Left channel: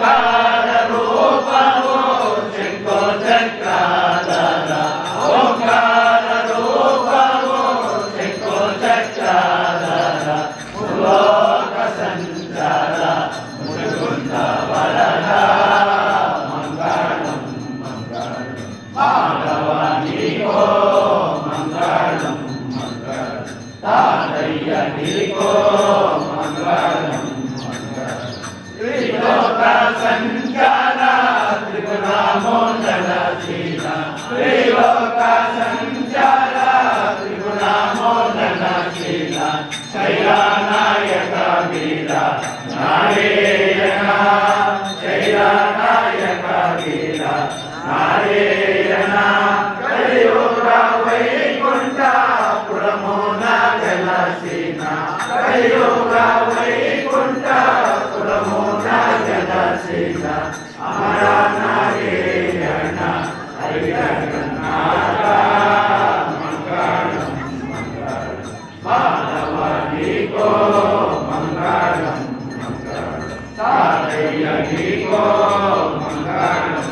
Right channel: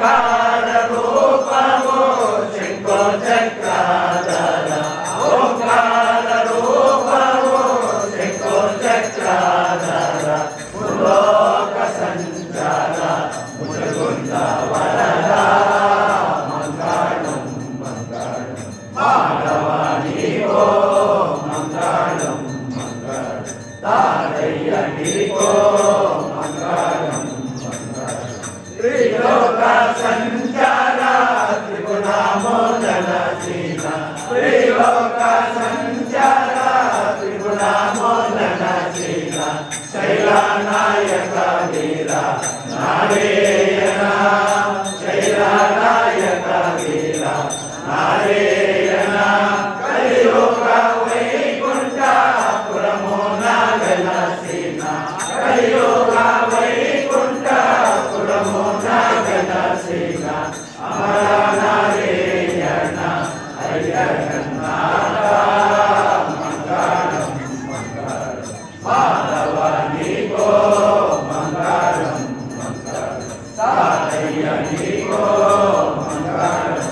ఓంకార రూపము శంఖో చక్రాధర ఓంకార రూపము శంఖో చక్రాధర ములోక సంచార ముకుంద వరద మంగళం మంగళం మాధవానికో మంగళం మంగళం తాతయ్య నీకో మంగళం మంగళం త్రిలోక సంచార త్రిగుణామోదనశీల త్రిలోక సంచార త్రిగుణామోదనశీల శైలనాయక వీర నారాయణ శైలనాయక వీర నారాయణ కలియుగ వైకుంఠ పురమో నాగనసీన కలియుగ వైకుంఠ పురమో నాగనసీన అమర నారాయణ హరిహరనాథ మంగళం మంగళం మాధవానికో మంగళం మంగళం తాతయ్య నీకో మంగళం